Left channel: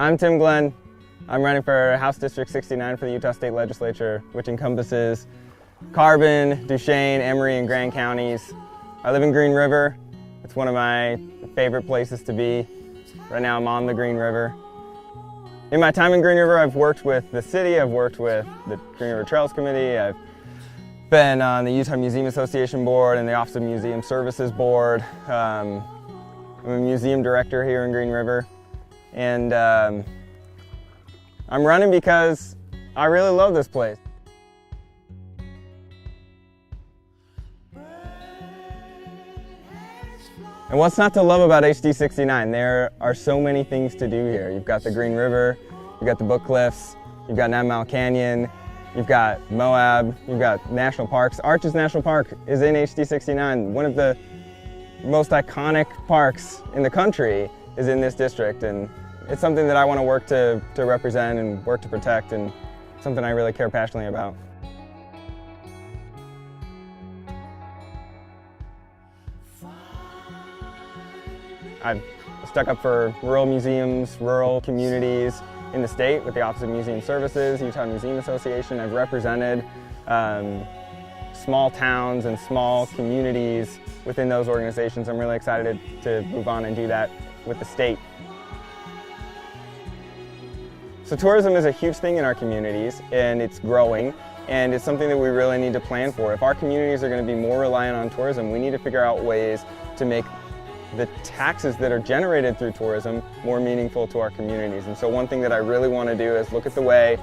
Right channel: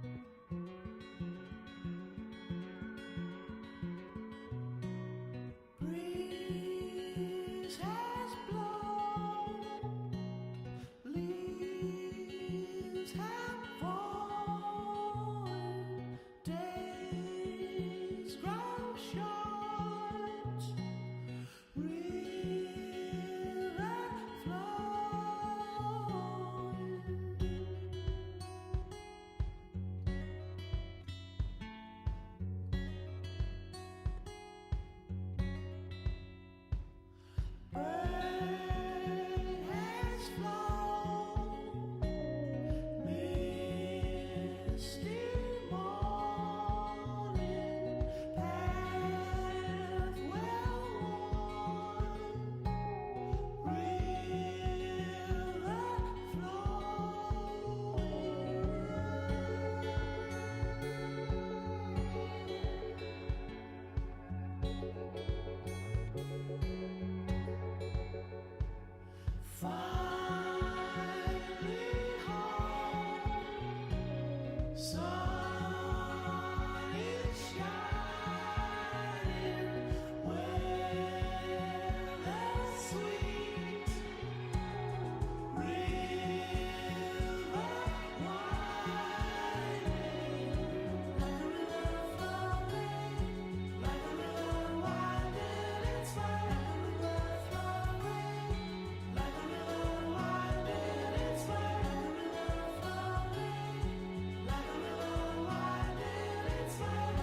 I'm Tim Glenn. I'm running for House District 69 for the Utah State Legislature, which encompasses Carbon, Duchesne, Emery, and Grand counties. I live in Green River. It's one of my favorite places to be. Right now I'm on the Green River. In my time in Green River, I've worked with the city, I've worked with the Green River Trails Committee, I've been on the Utah Museum Association Board and the Office of Museum Services Board. I'm a museum director here in Green River. And I'm running because I really love this place. And what's not to love about HD 69? There are so many things to do here. You've got the Green River, you've got the Book Cliffs, you've got 9 Mile Canyon, you've got Moab, you've got national parks. Arches National Park is in HD 69. One of the most iconic parks in the country is in this district, and it's something that I want to work to represent and work to protect, and something I really care passionately about. I've stuck up for rural museums, rural communities in the state with the Office of Museum Services, Utah Museum Association. I've represented small towns and small communities within those organizations. I'm really excited to move on and do that with the state. So tourism is a huge thing in our communities, and it's growing, and it's something that we really need to plan for. If our communities are going to be more reliant on tourism, we need to figure out ways to make the taxes that are generated through tourism more meaningful to our communities. And so one thing that I really want to do is look at the way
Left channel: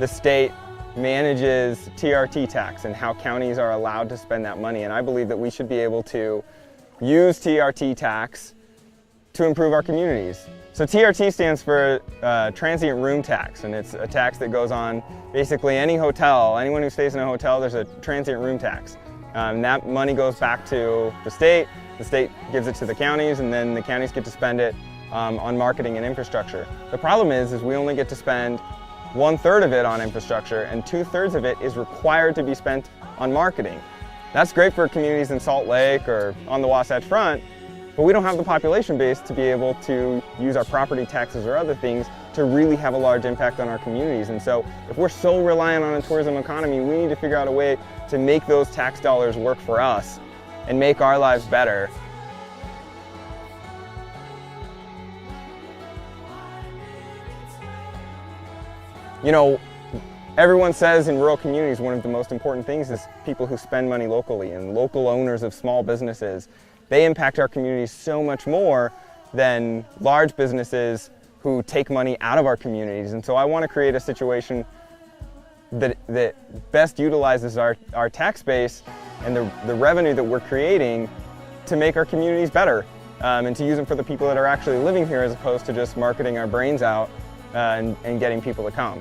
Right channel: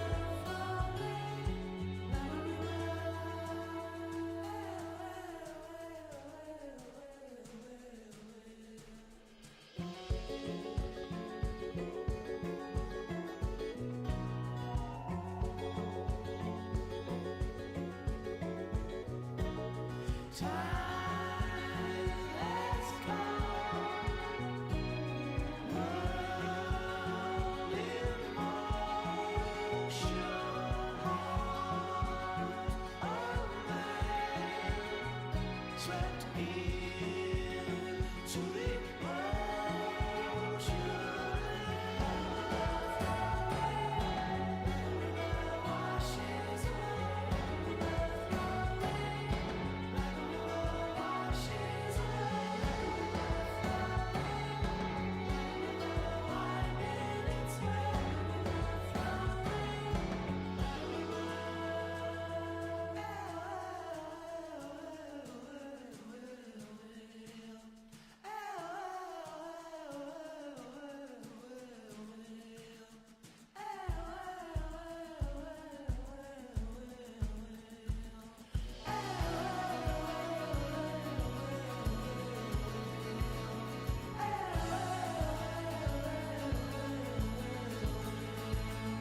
the state manages TRT tax and how counties are allowed to spend that money. And I believe that we should be able to use TRT tax to improve our communities. So TRT stands for transient room tax, and it's a tax that goes on basically any hotel. Anyone who stays in a hotel, there's a transient room tax. That money goes back to the state gives it to the counties, and then the counties get to spend it on marketing and infrastructure. The problem is we only get to spend 1/3 of it on infrastructure, and 2/3 of it is required to be spent on marketing. That's great for communities in Salt Lake or on the Wasatch Front, but we don't have the population base to be able to use our property taxes or other things to really have a large impact on our communities. And so if we're so reliant on a tourism economy, we need to figure out a way to make those tax dollars work for us and make our lives better. You know, everyone says in rural communities one of the most important things is people who spend money locally, and local owners of small businesses. They impact our communities so much more than large businesses who take money out of our communities. And so I want to create a situation that best utilizes our tax base and the revenue that we're creating to make our communities better, and to use them for the people that are actually living here, as opposed to just marketing our brains out and getting people to come.